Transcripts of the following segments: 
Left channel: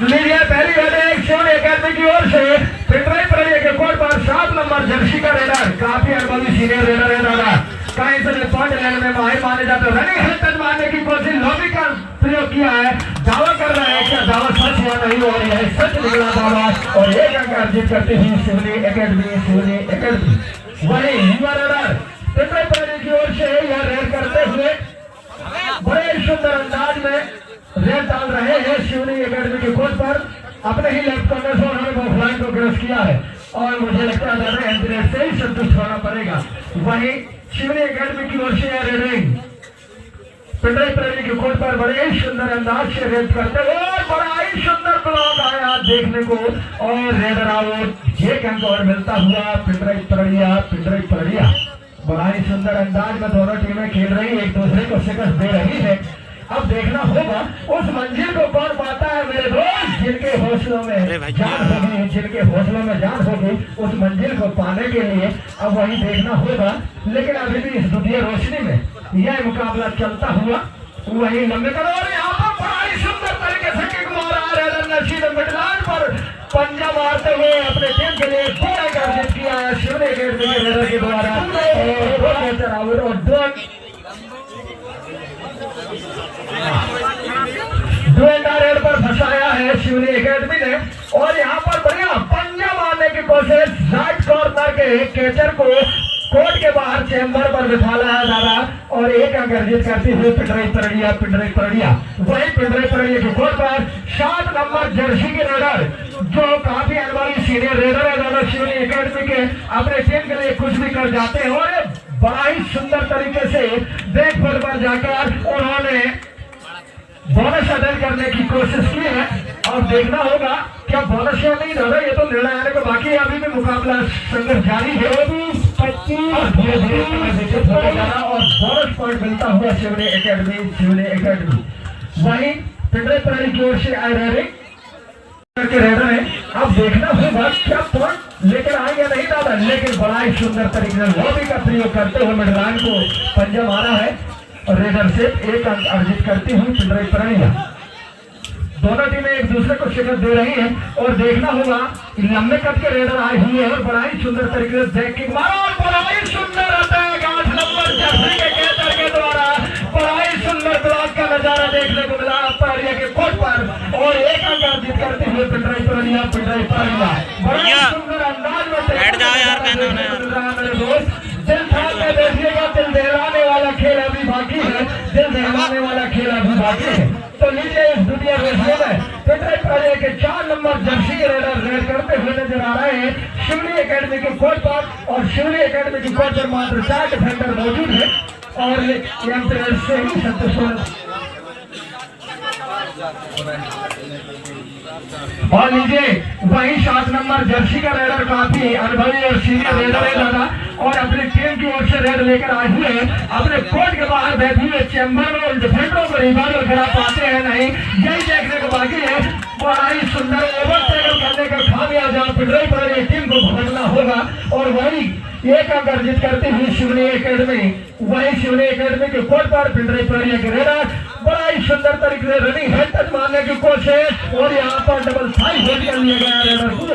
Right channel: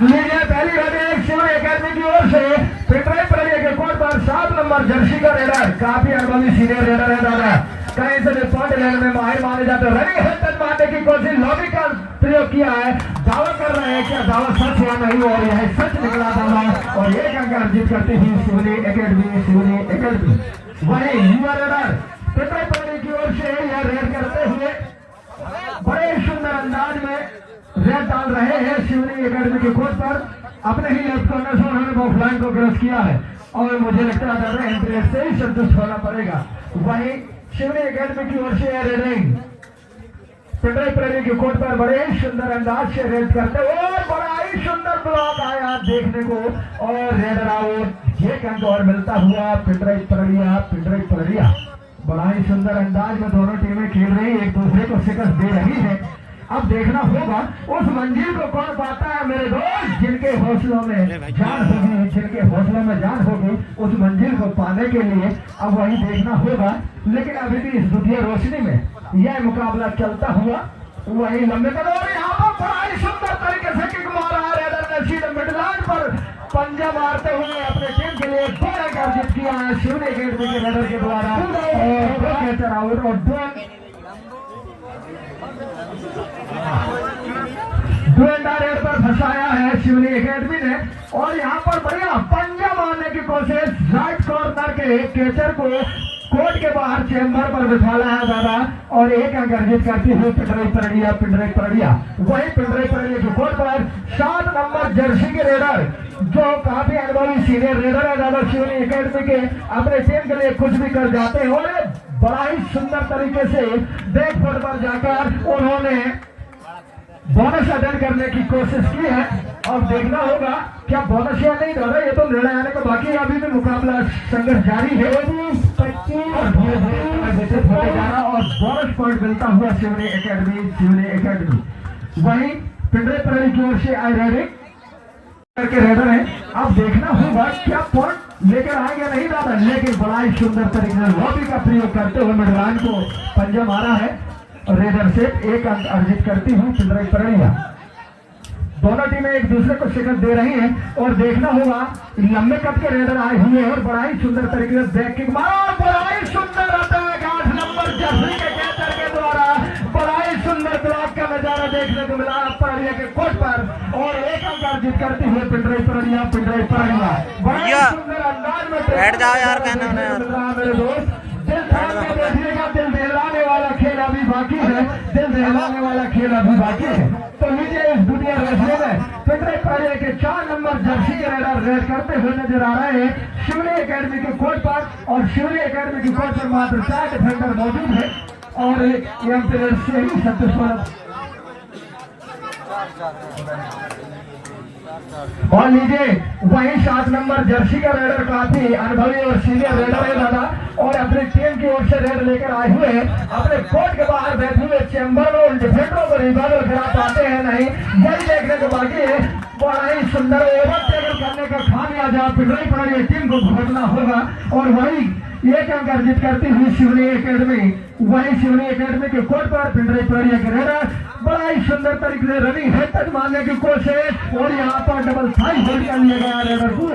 लीजिए पहली red Sivan academy की ओर से पिटराई प्रणय के कोर्ट पर 7 नंबर जर्सी का रेडर, काफी अनुभवी सीनियर रेडर है दादा। कहीं से पॉइंट लेने में माहिर माने जाते रनिंग हेड मारने की कोशिश लॉबी का प्रयोग किया है। दावा कर रहे हैं क्या दावा सच या नहीं, और यह सच निकला दावा और एक अंक अर्जित करती हुई शिवनी एकेडमी। वही युवा रेडर पिटराई प्रणय की ओर से यह रेड करते हुए बड़े सुंदर अंदाज में रेड डाल रहे हैं। शिवनी एकेडमी के कोर्ट पर अपने ही लेफ्ट कॉर्नर से उन्होंने बॉक्सलाइन को क्रॉस किया है और मुझे लगता है ज्यादा एम्परेट से ही संतुष्ट होना पड़ेगा। वहीं शिवनी एकेडमी की ओर से रेडिंग पिटराई प्रणय के कोर्ट पर बड़े ही सुंदर अंदाज से रेड करते हुए बड़ा ही सुंदर ब्लॉक आया देखने को और रेडर आउट। एक अंक और मिलता हुआ पिटराई प्रणय। बड़ा ही सुंदर अंदाज में दोनों टीमें खेल रही, एक दूसरे को शिकस्त दे रही है। अब देखना होगा उस मंजिल को कौन पाता है मेरे दोस्त, जिनके हौसलों में जान होगी उस मंजिल को पाने के लिए अब वही देखना होगा। लेकिन अभी भी इस दुनिया रोशनी में यह मुकाबला चलता हुआ वही लंबे कर और यहाँ पर बड़ा ही सुंदर तरीके से किक मारा रेडर ने सीधे मिडलाइन पर पंजा मारते हुए अपने टीम के लिए 2 रन अर्जित किया है शिवनी एकेडमी के रेडर के द्वारा और 2 रेड पर फंसाया है शिवनी एकेडमी ने। और यहाँ पर बढ़िया पंजा मारने की कोशिश राइट कॉर्नर के कैचर को कोर्ट के बाहर चेंबर पर बिठाला है दादा और एक अंक अर्जित करती हुई पिटराई प्रणय। वही पिटराई प्रणय के कोर्ट पर 7 नंबर जर्सी के रेडर जो काफी अनुभवी सीनियर रेडर है दादा शिवनी एकेडमी के, अपने टीम के लिए कुछ भी कर जाते हैं और बड़ा ही सुंदर तरीके से बैक फुट पर जाकर उन्होंने बोनस अदल करने की कोशिश की है। और देखना होगा क्या बोनस या नहीं दादा, ये तो निर्णय आने को बाकी है। अभी भी मुकाबला संघर्ष जारी है और धीरे-धीरे होते जा रहा और बोनस पॉइंट मिलता हुआ शिवनी एकेडमी। वहीं पिटराई प्रणय की ओर से आए रेडर है। अब देखना होगा क्या पॉइंट लेकर आएंगे नहीं दादा, लेकिन बड़ा ही सुंदर तरीके से लॉबी का प्रयोग करते हुए मिडलाइन को पंजा मारा है रेडर से 1 अंक अर्जित करती हुई पिटराई प्रणय। दोनों टीमें एक दूसरे को शिकस्त दे रही हैं और देखना होगा लंबे कद के रेडर आए हुए हैं और बड़ा ही सुंदर तरीके से बैक किक मारा और बड़ा ही सुंदर अटैक 8 नंबर जर्सी के कैचर के द्वारा बड़ा ही सुंदर ब्लॉक का नजारा देखने को मिला प्रणय के कोर्ट पर और 1 अंक अर्जित करते हुए पिटराई प्रणय। बड़ा ही सुंदर अंदाज में बैठ जाओ यार, कहना उन्हें यार दिल दहलाने वाला खेल अभी बाकी है। तो नीचे इस दुनिया में पिटराई प्रणय के 4 नंबर जर्सी के रेडर रेड करते हुए नजर आ रहे हैं शिवनी एकेडमी के कोर्ट पर और शिवनी एकेडमी की कोर्ट पर मात्र 4 डिफेंडर मौजूद है और एम्परेट से ही संतुष्ट। और लीजिए वही 7 नंबर जर्सी का रेडर काफी अनुभवी और सीनियर रेडर है दादा और अपनी टीम की ओर से रेड लेकर आए हुए हैं। अपने कोर्ट के बाहर बैठे हुए चैंबर में उन डिफेंडरों को रिवाइवल करा पाते हैं नहीं, यही देखने को बाकी है। बड़ा ही सुंदर ओवरटेकल करने का खामियाजा पिटराई प्रणय टीम को भुगतना होगा और वही 1 अंक अर्जित करती हुई शिवनी एकेडमी। वही शिवनी एकेडमी के कोर्ट पर पिटराई प्रणय के रेडर बड़ा ही सुंदर तरीके से रनिंग हेड टच मारने की कोशिश और यहाँ पर डबल साइड हिट कर लिया गया रेडर को।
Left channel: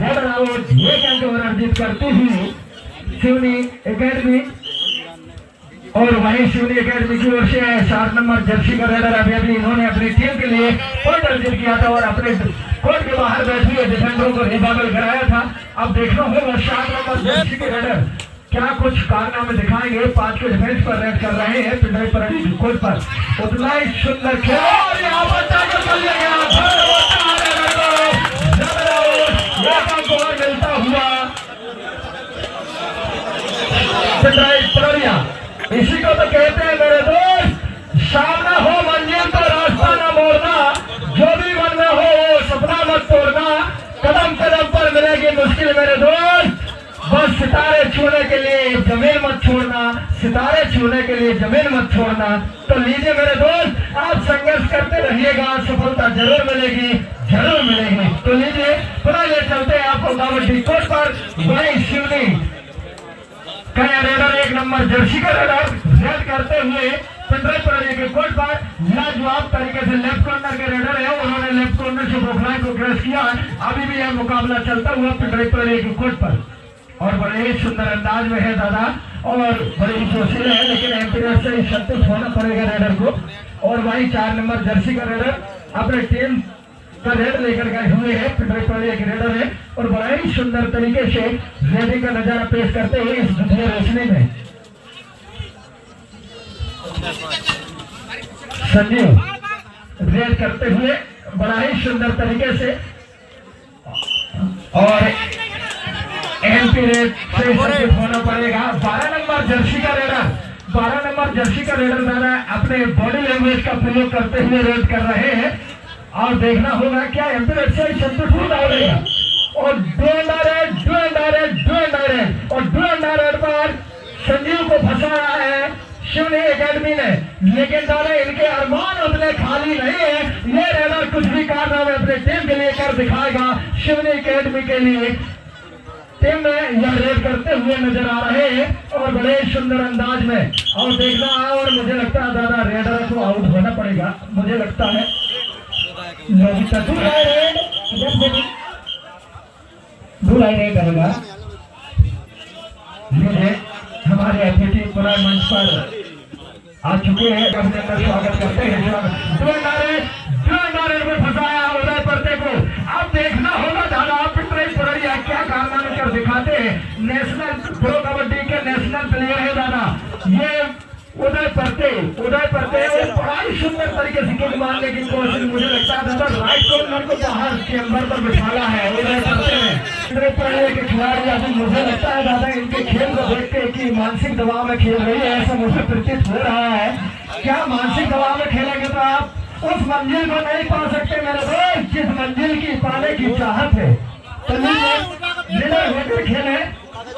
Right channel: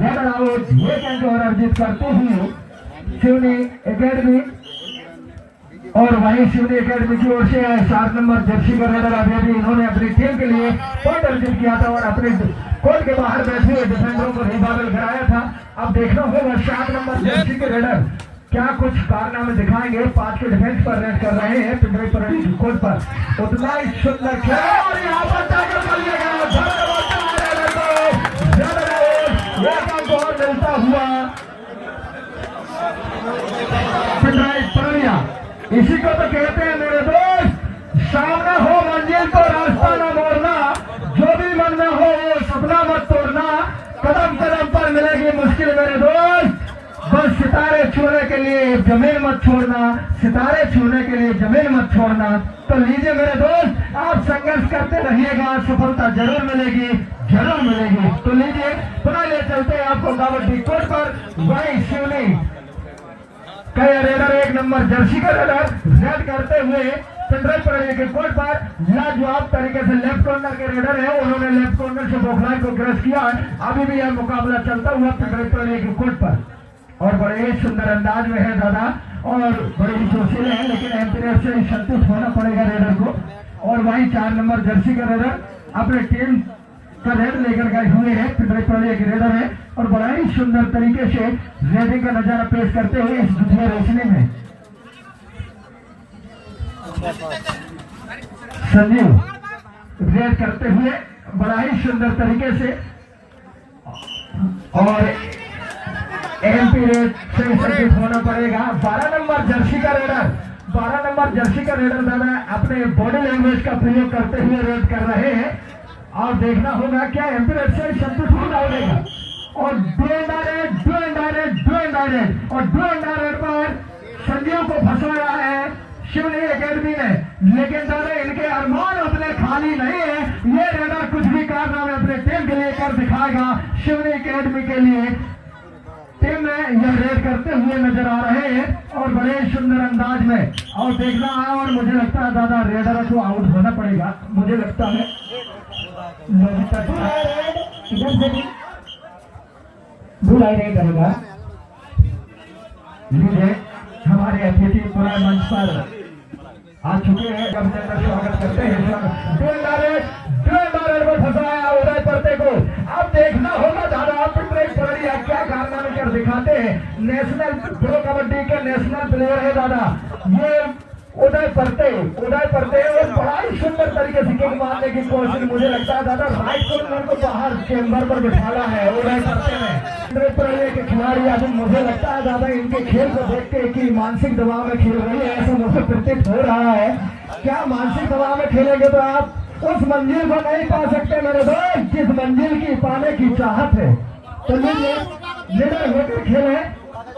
रेडर आउट 1 अंक और अर्जित करती हुई शिवनी एकेडमी। और वहीं शिवनी एकेडमी की ओर से 7 नंबर जर्सी का रेडर अभी इन्होंने अपनी टीम के लिए पॉइंट अर्जित किया था और अपने कोर्ट के बाहर बैठे हुए डिफेंडरों को रिवाइवल कराया था। अब देखना होगा 7 नंबर जर्सी के रेडर क्या कुछ कारनामे दिखाएंगे। 5 के डिफेंस पर रेड कर रहे हैं पिटराई प्रणय की कोर्ट पर। उतना ही सुंदर खेल मिलता हुआ पिटराई प्रणय। इसी को तो कहते हैं मेरे दोस्त, सामना हो मंजिल तो रास्ता न मोड़ना, जो भी मन में हो वो सपना मत तोड़ना, कदम कदम पर मिलेगी मुश्किल मेरे दोस्त, बस सितारे छूने के लिए जमीन मत छोड़ना, सितारे छूने के लिए जमीन मत छोड़ना। तो लीजिए मेरे दोस्त, आप संघर्ष करते रहिएगा, सफलता जरूर मिलेगी। तो लीजिए पुनः ले चलते हैं आपको कबड्डी कोर्ट पर। वही शिवनी का रेडर 1 नंबर जर्सी का रेडर रेड करते हुए पिटराई प्रणय के कोर्ट पर लाजवाब तरीके से लेफ्ट कॉर्नर के रेडर है, उन्होंने लेफ्ट कॉर्नर से बॉक्सलाइन को क्रश किया। अभी भी यह मुकाबला चलता हुआ पिपराई के कोर्ट पर और बड़े ही सुंदर अंदाज में है दादा और बड़े ही जोशीले हैं, लेकिन एम्पियर से संतुष्ट होना पड़ेगा रेडर को। और वही 4 नंबर जर्सी का रेडर अपने टीम का रेड लेकर गए हुए हैं, पिपराई के रेडर है और बड़ा ही सुंदर तरीके से रेडिंग का नजारा पेश करते हुए इस द्वितीय रोशनी में संजीव रेड करते हुए बड़ा ही सुंदर तरीके से और एमपी रेड से संकेत होना पड़ेगा। 12 नंबर जर्सी का रेडर दादा अपने बॉडी लैंग्वेज का प्रयोग करते हुए रेड कर रहे हैं और देखना होगा क्या एमपी रेड से संकेत हो जाएगा। और डू रेड पर संजीव को फंसाया है शिवनी एकेडमी ने, लेकिन दादा इनके अरमान उतने खाली नहीं है। ये रेडर कुछ भी कारनामे अपने टीम के लिए कर दिखाएगा। शिवनी एकेडमी के लिए टीम में यह रेड करते हुए नजर आ रहे हैं और बड़े सुंदर अंदाज में और देखना है। और मुझे लगता है दादा रेडर को आउट होना पड़ेगा, मुझे लगता है रेड करेगा। मुझे हमारे अतिथि पुनः मंच पर आ चुके हैं, अपने स्वागत करते हैं। में फंसाया उदय परते को। अब देखना होगा दादा पिपराई परड़िया क्या कारनामे कर दिखाते हैं। नेशनल प्रो कबड्डी के नेशनल प्लेयर है दादा ये उदय परते और बड़ा ही सुंदर तरीके से किक मारने की कोशिश, मुझे लगता है दादा राइट कॉर्नर को बाहर चेंबर पर बिठाना है उदय परते ने। के खिलाड़ी अभी मुझे लगता है दादा इनके खेल को देखते हैं कि मानसिक दबाव में खेल रही है, ऐसा मुझे प्रतीत हो रहा है। क्या मानसिक दबाव में खेलेंगे तो आप उस मंजिल को नहीं पा सकते मेरे दोस्त, जिस मंजिल की पाने की चाहत है। तो लीडर होकर खेले,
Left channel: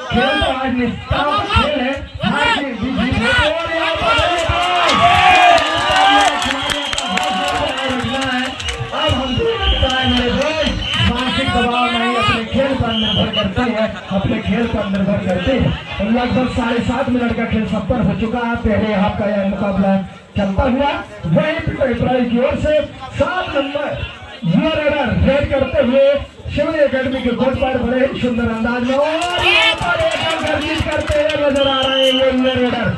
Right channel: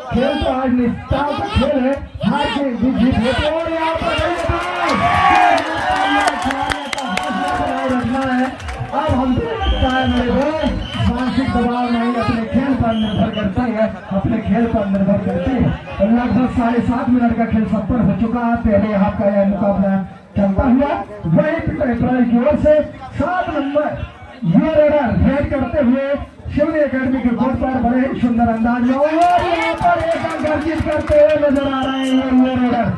खेल तो आज निष्ठा खेल है, हार की जीत है। अब हम मेरे दोस्त मानसिक दबाव नहीं अपने खेल पर निर्भर करते हैं, अपने खेल पर निर्भर करते हैं। और लगभग 7.5 मिनट का खेल संपन्न हो चुका है। पहले आपका यह मुकाबला चलता हुआ वही पिपराई की ओर से 7 नंबर ये रेडर रेड करते हुए शिवनी एकेडमी के कोर्ट पर बड़े ही सुंदर अंदाज में और यहाँ पर एक करते हुए नजर आ रहे हैं ये रेडर।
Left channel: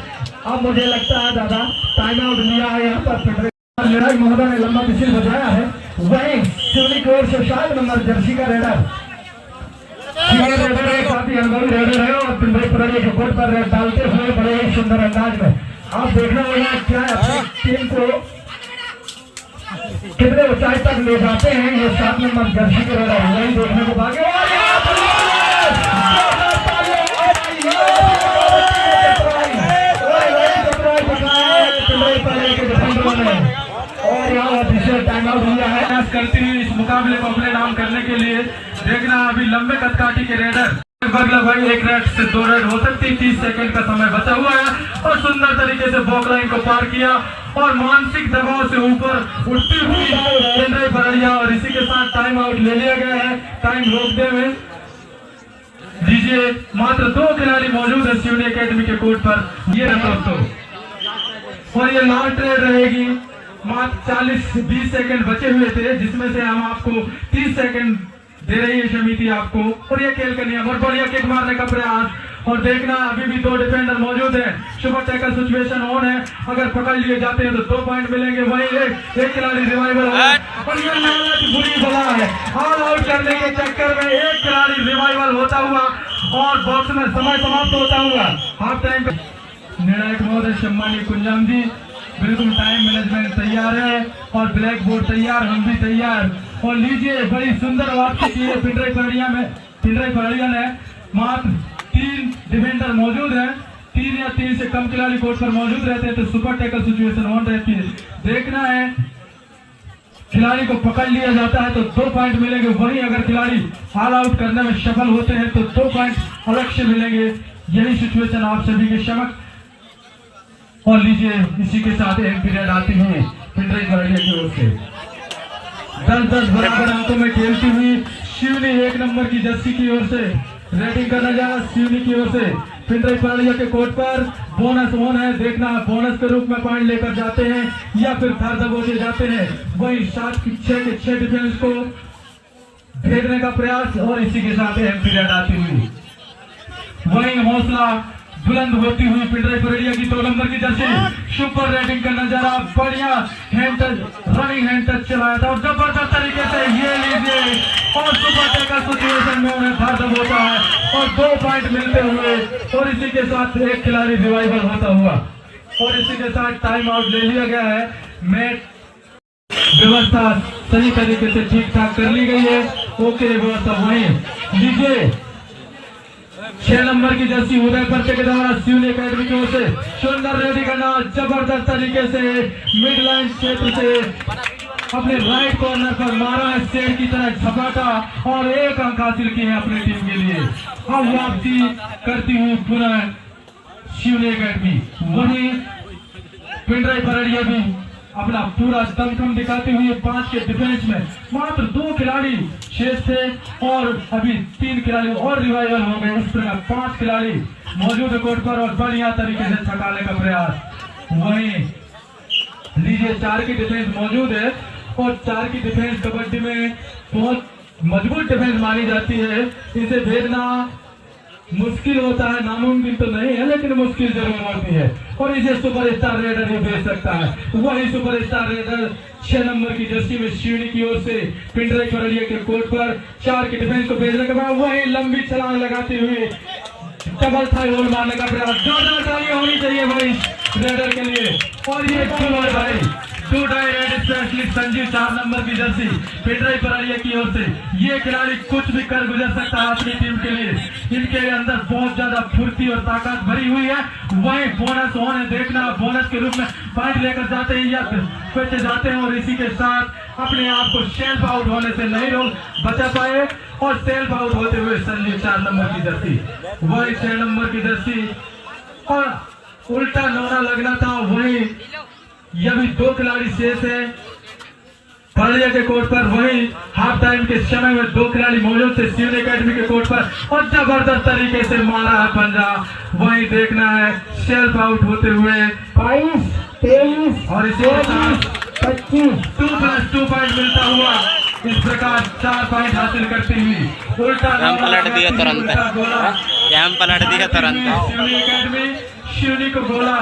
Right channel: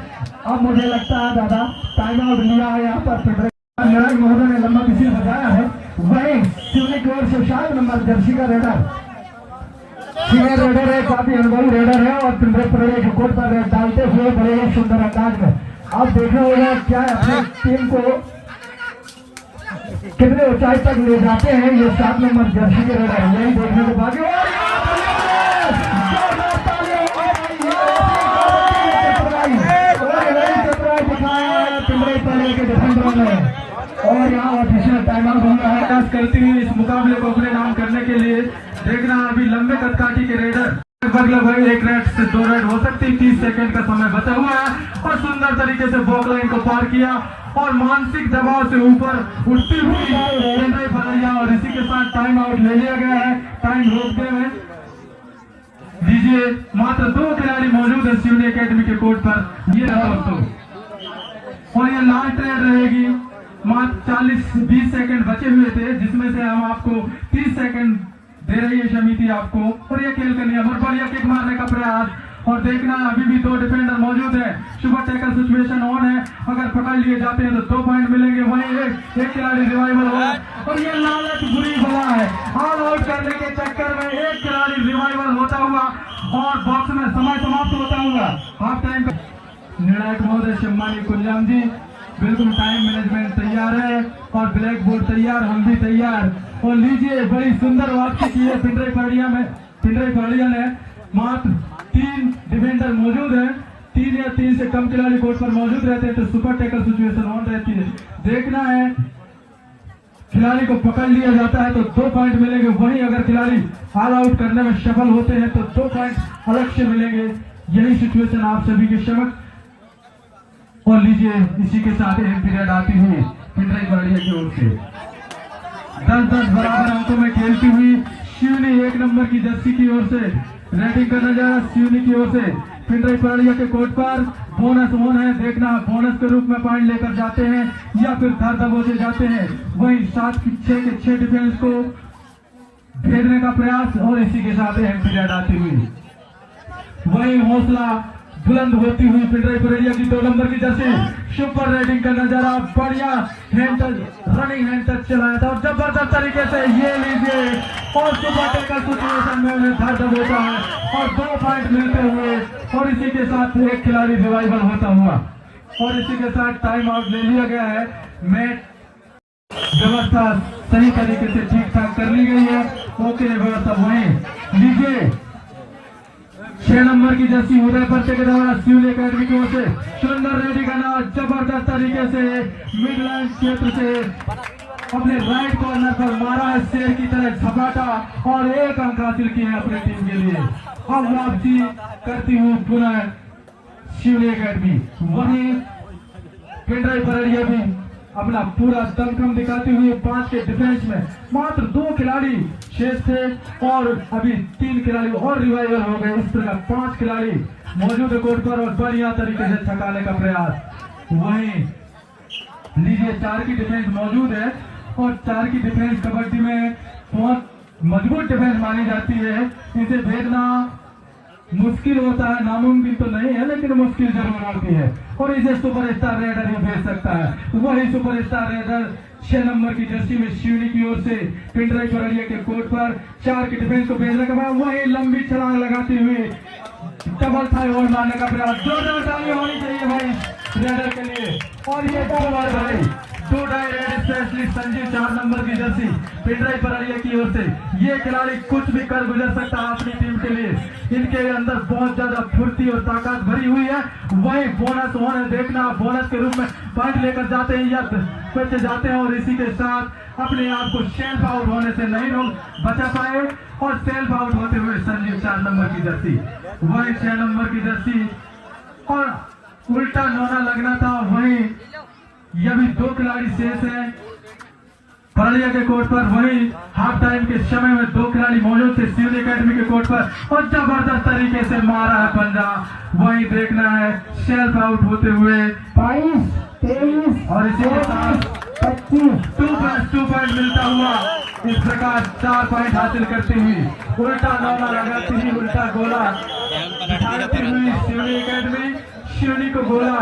अब मुझे लगता है दादा टाइम आउट लिया है यहाँ पर निर्णायक महोदय ने लंबा विषय बजाया है। वही शिवनी की ओर से 7 नंबर जर्सी का रेडर सीनियर रेडर है, काफी अनुभवी रेडर है और पिपराई परड़िया के कोर्ट पर रेड डालते हुए बड़े ही सुंदर अंदाज में अब देखने होगा क्या अपनी टीम को कितने ऊंचाई तक ले जाते हैं ये 7 नंबर जर्सी के रेडर। यही देखने को बाकी और यहाँ टाइम आउट दिया है करती हुई इस मुकाबले को अपने नाम करने के लिए। देखना अभी लंबे कदकाठी के रेडर लगभग 1 रेड से 2 रेड हो सकती है। 30 सेकंड का समय बचा हुआ है और सुंदर तरीके से बॉक लाइन को पार किया और मानसिक दबाव से ऊपर उठती हुई पिपराई परड़िया और इसी के साथ टाइम आउट ले लिया गया है। टाइम रोकते हुए दीजिए, मात्र 2 खिलाड़ी मौजूद है शिवनी एकेडमी के कोर्ट पर। ये दोस्तों और ये लास्ट रेड रहेगी। मात्र 40-20 सेकंड बचे हुए थे जिसमें से हम आपको 30 सेकंड दे रही है समिति आपको। और ये खेल का नियम और बढ़िया किक मारने का प्रयास और देखना अभी भी 2 डिफेंडर मौजूद है। सुपर टैकल सिचुएशन ऑन है, अगर पकड़ लिए जाते हैं तो 2 पॉइंट मिलेंगे। वही एक खिलाड़ी रिवाइवल है और ये लालच बुरी बला है। ऑल आउट करने के चक्कर में एक खिलाड़ी रिवाइवल होता हुआ और बॉक्स में समय समाप्त होता हुआ हाफ टाइम निर्णायक महोदय सम्मानित कुंजाम जी बिल्कुल टाइम मैनेजमेंट तैयार है और ब्लैक बोर्ड तैयार, हम भी तैयार। और लीजिए बड़ी सुंदर वापसी की है पिपराई परड़िया ने। मात्र 3 डिफेंडर मौजूद हैं, 3 या 3 से कम खिलाड़ी कोर्ट पर मौजूद रहते हैं तो सुपर टैकल सिचुएशन ऑन रहती है। देखना है खिलाड़ी को पकड़ लिया जाता है तो 2 पॉइंट मिलेंगे। वहीं अगर खिलाड़ी ऑल आउट करने में सफल होते हैं तो 2 पॉइंट अलग से मिलेंगे। यही सिचुएशन आप सभी के समक्ष। और लीजिए इसी के साथ एक पीरियड आती हुई पिपराई परड़िया की ओर से 10-10 बराबर अंकों में खेलती हुई शिवनी 1 नंबर की जर्सी की ओर से रेडिंग का नजारा शिवनी की ओर से पिपराई परड़िया के कोर्ट पर। बोनस ऑन है, देखना बोनस के रूप में पॉइंट लेकर जाते हैं या फिर घर दबोचे जाते हैं। वही 7 के 6 डिफेंस को भेजने का प्रयास और इसी के साथ एम्पीरियड आती हुई वही हौसला बुलंद होती हुई पिंडराई परेड़िया की 2 नंबर की जर्सी सुपर रेटिंग का नजारा बढ़िया hand touch running hand touch चलाया था और जबरदस्त तरीके से ये लीजिए और सुपर टेकर सिचुएशन में उन्हें धर होता है और 2 पॉइंट मिलते हुए और इसी के साथ एक खिलाड़ी रिवाइवल होता हुआ और इसी के साथ टाइम आउट ले लिया गया है। मैच व्यवस्था सही तरीके से ठीक ठाक कर ली गई है। ओके व्यवस्था वही लीजिए 6 नंबर की जर्सी उधर पर्चे के द्वारा सिविल एकेडमी की ओर से सुंदर रेडी करना जबरदस्त तरीके से मिड लाइन क्षेत्र से अपने राइट कॉर्नर पर मारा है शेर की तरह झपाटा और 1 अंक हासिल किए हैं अपनी टीम के लिए। अब वापसी करती हुई पुनः शिवनी एकेडमी वहीं पिंडराई परेड़िया भी अपना पूरा दमखम दिखाते हुए 5 के डिफेंस में मात्र 2 खिलाड़ी शेष थे और अभी 3 खिलाड़ी और रिवाइवल हो गए। इस प्रकार 5 खिलाड़ी मौजूद है कोर्ट पर और बढ़िया तरीके से छकाने का प्रयास। वहीं लीजिए 4 की डिफेंस मौजूद है और 4 की डिफेंस कबड्डी में बहुत मजबूत डिफेंस मानी जाती है। इसे भेजना मुश्किल होता है, नामुमकिन तो नहीं है लेकिन मुश्किल जरूर होती है और इसे सुपरस्टार रेडर ही भेज सकता है। वही सुपरस्टार रेडर 6 नंबर की जर्सी में शिवनी की ओर से पिंडराई परेड़िया के कोर्ट पर 4 की डिफेंस को भेजने के बाद वही लंबी छलांग लगाते हुए डबल थाई होल मारने का प्रयास। जोरदार ताली होनी चाहिए भाई रेडर के लिए और ये 2 die raid specialist Sanjeev 4 number की जर्सी पिंडराई परेड़िया की ओर से ये खिलाड़ी कुछ भी कर गुजर सकता है अपनी टीम के लिए। इनके अंदर बहुत ज्यादा फुर्ती और ताकत भरी हुई है। वही बोनस होने देखना बोनस के रूप में पॉइंट लेकर जाते हैं या पीछे जाते हैं और इसी के साथ अपने आप को सेल्फ आउट होने से नहीं लोग बचा पाए और सेल्फ आउट होते हुए संजीव 4 नंबर की जर्सी वही 6 नंबर की जर्सी और उल्टा नौना लगना था। वही यह भी 2 खिलाड़ी शेष है परेड़िया के कोर्ट पर। वही हाफ टाइम के समय में 2 खिलाड़ी मौजूद थे सिविल एकेडमी के कोर्ट पर और जबरदस्त तरीके से मारा है पंजा। वही देखना है सेल्फ आउट होते हुए 22, 23 और इसी के साथ 25 2+2 पॉइंट मिलता हुआ इस प्रकार 4 पॉइंट हासिल करती हुई उल्टा पलट दिया तुरंत गोला पलट दिया तुरंत शिवनी एकेडमी शिवनी को गोला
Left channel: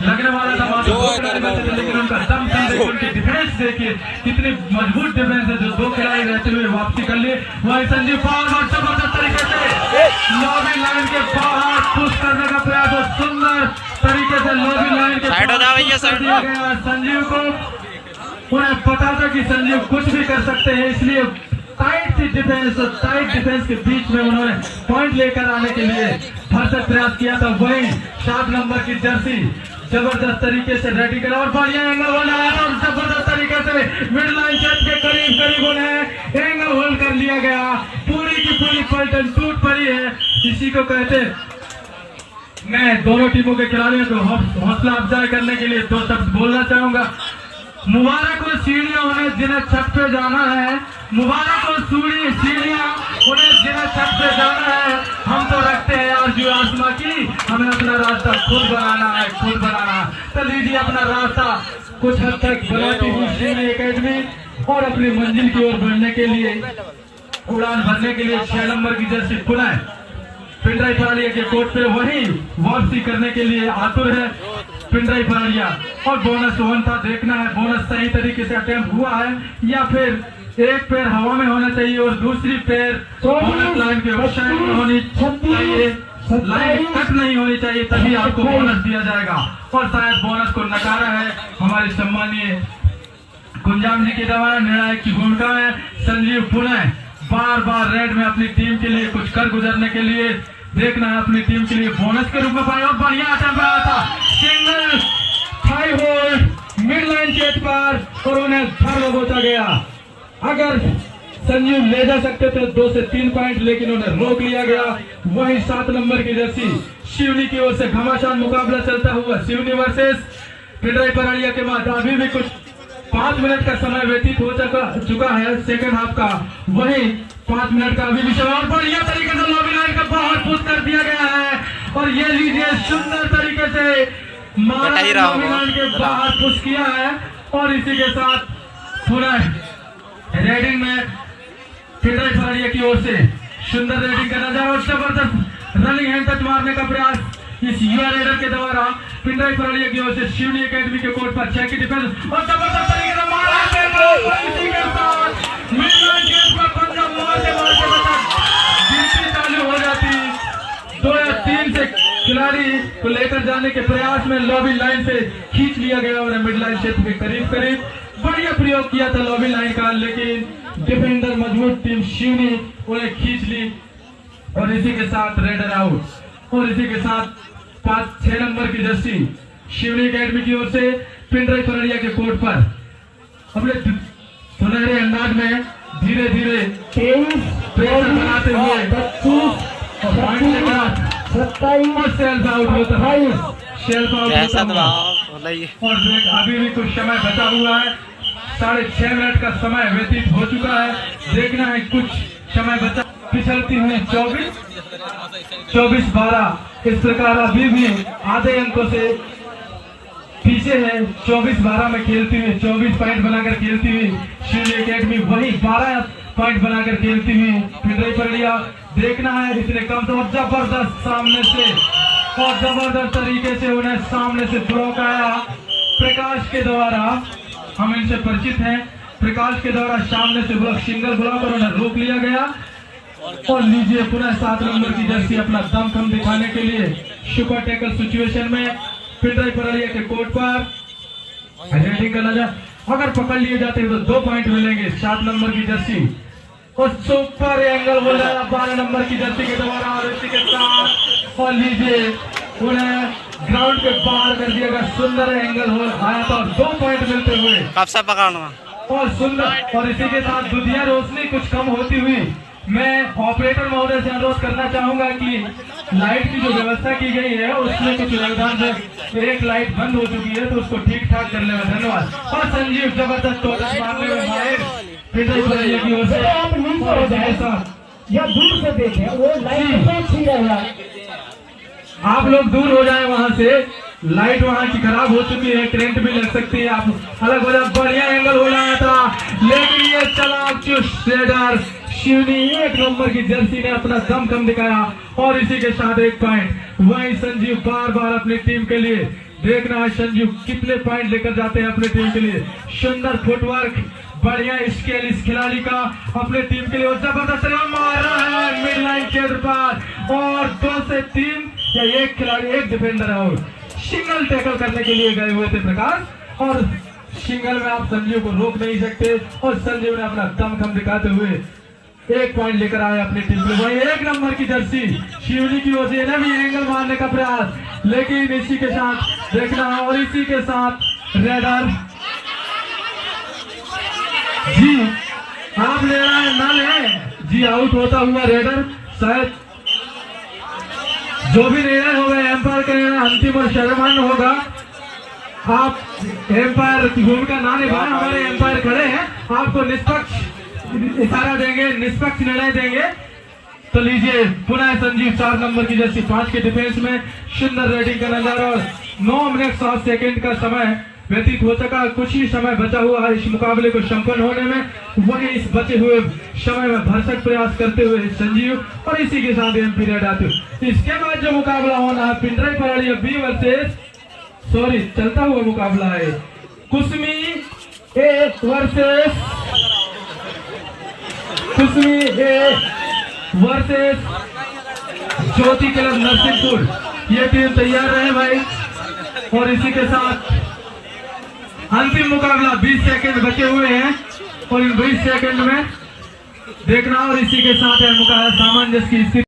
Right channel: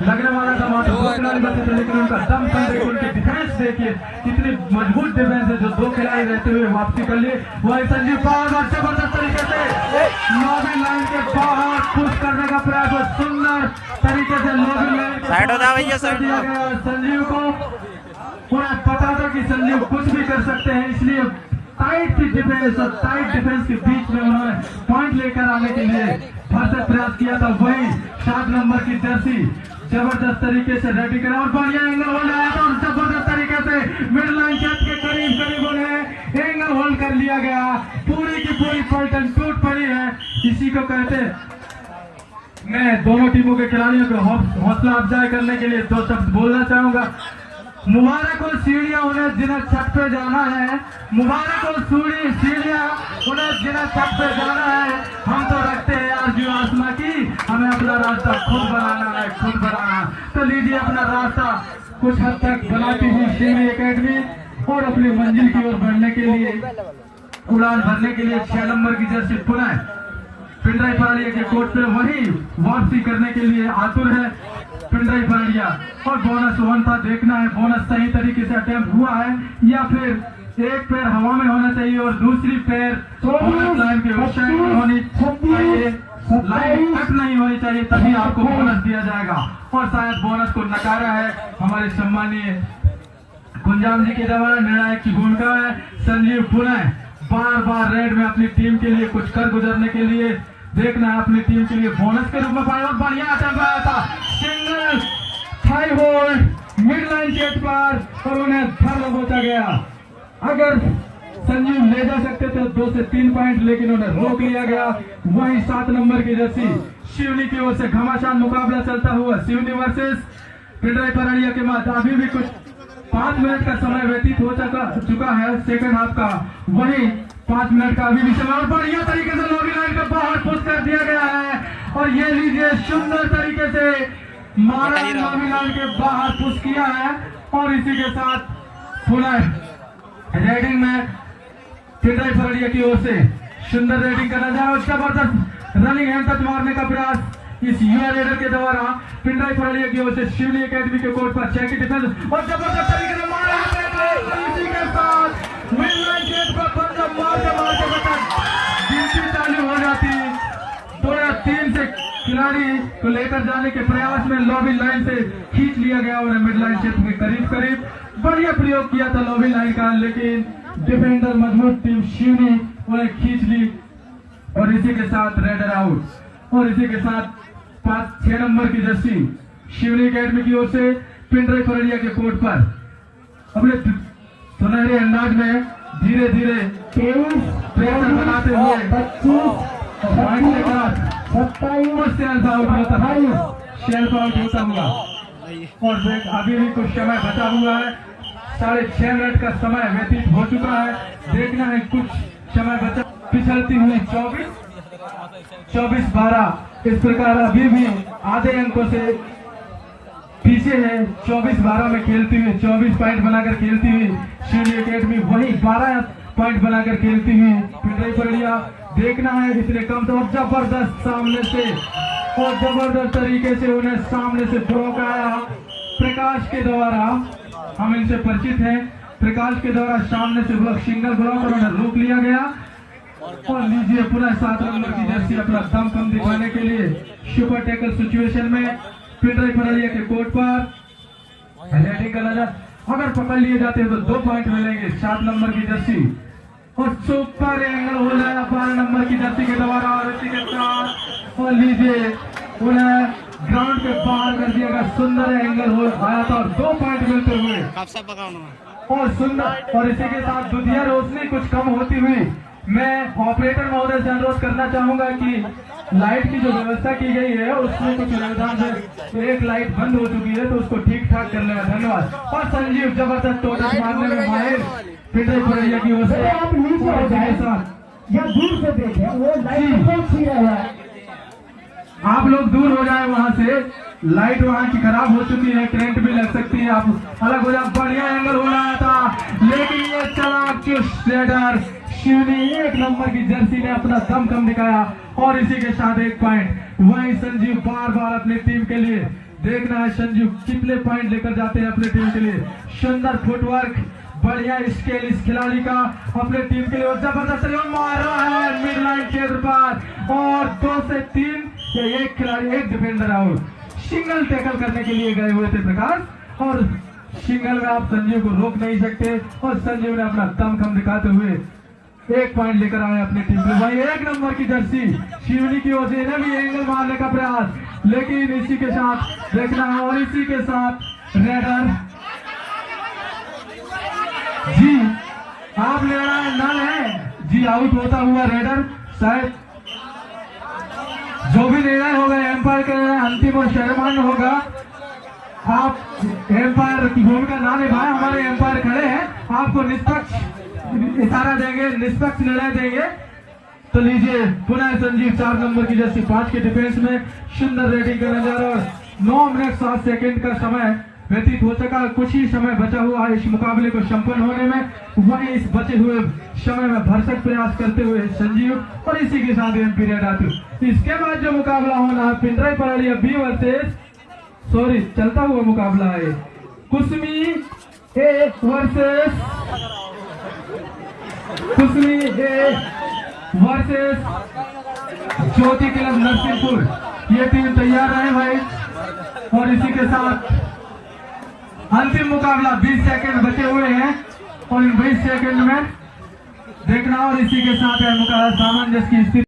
लगने वाला था मात्र 2 खिलाड़ी बचे थे लेकिन उनका दम देखिए उनकी डिफेंस देखिए कितनी मजबूत डिफेंस है जो 2 खिलाड़ी रहते हुए वापसी कर लिए। वही संजीव बार जबरदस्त तरीके से लॉबी लाइन के बाहर पुश करने का प्रयास और सुंदर तरीके से लॉबी लाइन के साइड हो जाओ भैया साइड दिया गया संजीव को। उन्हें पता था कि संजीव कुछ भी कर सकते हैं इसलिए टाइट थी डिफेंस और टाइट डिफेंस के बीच में उन्होंने पॉइंट लेकर आने के लिए भरसक प्रयास किया था। वही 7 नंबर की जर्सी जबरदस्त तरीके से रेडी करा और बढ़िया एंगल होल्ड आया था और जबरदस्त तरीके से मिड लाइन क्षेत्र के करीब उन्हें एंगल होल्ड कर लिया गया। पूरी की पूरी पलटन टूट पड़ी है। इसी को कहते मैं दोनों टीमों के खिलाड़ियों को हौसला अफजाई करने के लिए 2 शब्द बोलना चाहूंगा। मुबारक हो सीढ़ियां उन्हें जिन्हें छत पे जाना है, मुबारक हो सीढ़ियां उन्हें जिन्हें छत पे जाना है। हम तो रखते हैं यार जो आसमां की, हमें अपना रास्ता खुद बनाना है, खुद बनाना। तो लीजिए अपना रास्ता कुछ हद तक बनाती हुई शिवनी एकेडमी और अपनी मंजिल की ओर बढ़ने के लिए उड़ान भरने के लिए 6 नंबर की जर्सी पुनः पिंडराई परेड़िया के कोर्ट पे वही वापसी करने के लिए आतुर है पिंडराई परेड़िया। और बोनस 1 था, देखना है बोनस सही तरीके से अटेम्प्ट हुआ है या फिर एक पैर हवा में होना चाहिए और दूसरी पैर बोनस लाइन के ऊपर होनी चाहिए, लाइन कट नहीं होनी चाहिए तभी आपको बोनस दिया जाएगा। और शायद बोनस को नकारा है हमारे सम्मानीय कुंजाम जी के द्वारा। निर्णायक की भूमिका में संजीव पुनः बार रेड में अपनी टीम के लिए कुछ कर गुजरने के लिए देखना है अपनी टीम के लिए बोनस के रूप में पाया और बढ़िया अटेम्प्ट आया था single thigh hold mid line चेट पर और उन्हें धर दबोचा गया। अगर संजीव ले जा सकते थे 2 से 3 पॉइंट लेकिन उन्हें रोक लिया गया। वही 7 नंबर की जर्सी शिवनी की ओर से घमासान मुकाबला चलता हुआ शिवनी वर्सेस पिंडराई परेड़िया के बाद अभी भी कुछ 5 मिनट का समय व्यतीत हो चुका है सेकंड हाफ का। वही 5 मिनट का अभी भी समय और बढ़िया तरीके से लॉबी लाइन का बाहर पुश कर दिया गया है और ये लीजिए सुंदर तरीके से मारा लॉबी लाइन के बाहर पुश किया है और इसी के साथ पुनः रेडिंग में पिंडराई फरड़िया की ओर से सुंदर रेडिंग का नजारा और जबरदस्त रनिंग हैंड टच मारने का प्रयास इस युवा रेडर के द्वारा पिंडराई फरड़िया की ओर से शिवनी एकेडमी के कोर्ट पर 6 की डिफेंस और जबरदस्त तरीके से मारा गिनती चालू हो जाती। 2 या 3 से खिलाड़ी को लेकर जाने के प्रयास में लॉबी लाइन से खींच लिया गया और मिड लाइन क्षेत्र के करीब करीब बढ़िया प्रयोग किया था लॉबी लाइन का, लेकिन डिफेंडर मजबूत टीम शिवनी उन्हें खींच ली और इसी के साथ रेडर आउट। और इसी के साथ 5-6 नंबर की जर्सी शिवनी एकेडमी की ओर से पिंडराई फरड़िया के कोर्ट पर अपने सुनहरे अंदाज में धीरे धीरे प्रेशर बनाते हुए 25 सेल्फ आउट होता है, सेल्फ आउट जैसा होता तो हुआ। और अभी भी कुछ समय बचा हुआ है, 6.5 मिनट का समय व्यतीत हो चुका है। देखना है कुछ समय बचा, पिछड़ती हुई 24-12 इस प्रकार अभी भी आधे अंकों से पीछे है। 24-12 में खेलती हुई 24 पॉइंट बनाकर खेलती हुई शिवनी एकेडमी वही 12 पॉइंट बनाकर खेलती हुई पिंडराई फरड़िया। देखना है इतने कम तो जबरदस्त सामने से और जबरदस्त तरीके से उन्हें सामने से ब्लॉक आया प्रकाश के द्वारा। हम इनसे परिचित हैं, प्रकाश के द्वारा सामने से ब्लॉक सिंगल ब्लॉक और उन्हें रोक लिया गया। और लीजिए पुनः 7 नंबर की जर्सी अपना दम कम दिखाने के लिए सुपर टैकल सिचुएशन में पिंडराई फरड़िया के कोर्ट पर रेडिंग का नजर, अगर पकड़ लिए जाते हैं तो 2 पॉइंट मिलेंगे। 7 नंबर की जर्सी और सुपर एंगल हो जाएगा 12 नंबर की जर्सी के द्वारा और इसी के साथ और लीजिए उन्हें ग्राउंड के बाहर कर दिया गया। सुंदर एंगल हो आया था 2 पॉइंट मिलते हुए कब से पकड़ना और सुंदर। और इसी के साथ दुधिया रोशनी कुछ कम होती हुई मैं ऑपरेटर महोदय से अनुरोध करना चाहूंगा कि लाइट की जो व्यवस्था की गई है उसमें कुछ व्यवधान है, एक लाइट बंद हो चुकी है तो उसको ठीक ठाक करने में धन्यवाद। और संजीव जबरदस्त टोटल मारने में माहिर पिंडराई फरड़िया की ओर से आप नीचे हो जाए या दूर से देखें वो लाइट तो ठीक है, आप लोग दूर हो जाए वहां से, लाइट वहां की खराब हो चुकी है, करंट भी लग सकती है। आप अलग अलग बढ़िया एंगल हो रहा था लेकिन ये चालाक चुस्त रेडर शिवनी 1 नंबर की जर्सी ने अपना दम कम दिखाया और इसी के साथ 1 पॉइंट। वही संजीव बार बार अपनी टीम के लिए देखना है संजीव कितने पॉइंट लेकर जाते हैं अपनी टीम के लिए। सुंदर फुटवर्क, बढ़िया स्केल इस खिलाड़ी का अपने टीम के लिए और जबरदस्त मार रहा है मिड लाइन क्षेत्र पर और 2 से 3 या 1 खिलाड़ी 1 डिफेंडर आउट। सिंगल टैकल करने के लिए गए हुए थे प्रकाश और सिंगल में आप संजीव को रोक नहीं सकते और संजीव ने अपना दम कम दिखाते हुए 1 पॉइंट लेकर आए अपनी टीम में। वही 1 नंबर की जर्सी शिवनी की ओर से इन्हें भी एंगल मारने का प्रयास, लेकिन इसी के साथ देखना और इसी के साथ रेडर जी आप ले रहा है नल है जी, आउट होता हुआ रेडर शायद जो भी निर्णय होगा एम्पायर का अंतिम और शर्मान्य होगा। आप एम्पायर की भूमिका ना निभाए, हमारे एम्पायर खड़े हैं, आपको निष्पक्ष इशारा देंगे, निष्पक्ष निर्णय देंगे। तो लीजिए पुनः संजीव 4 नंबर की जर्सी 5 के डिफेंस में सुंदर रेडिंग का नजारा और 9 मिनट 7 सेकंड का समय व्यतीत हो चुका। कुछ ही समय बचा हुआ है इस मुकाबले को संपन्न होने में। वही इस बचे हुए समय में भरसक प्रयास करते हुए संजीव और इसी के साथ एम पीरियड आते हुए इसके बाद जो मुकाबला होना है पिंडराई फरड़िया बी वर्सेस चलता हुआ मुकाबला है Kusmi A versus Jyoti club Narsinghpur. ये टीम तैयार रहे भाई और इसी के साथ अंतिम मुकाबला 20 सेकंड बचे हुए हैं और इन 20 सेकंड में देखना और इसी के साथ यह मुकाबला सामंजस्य की स्थिति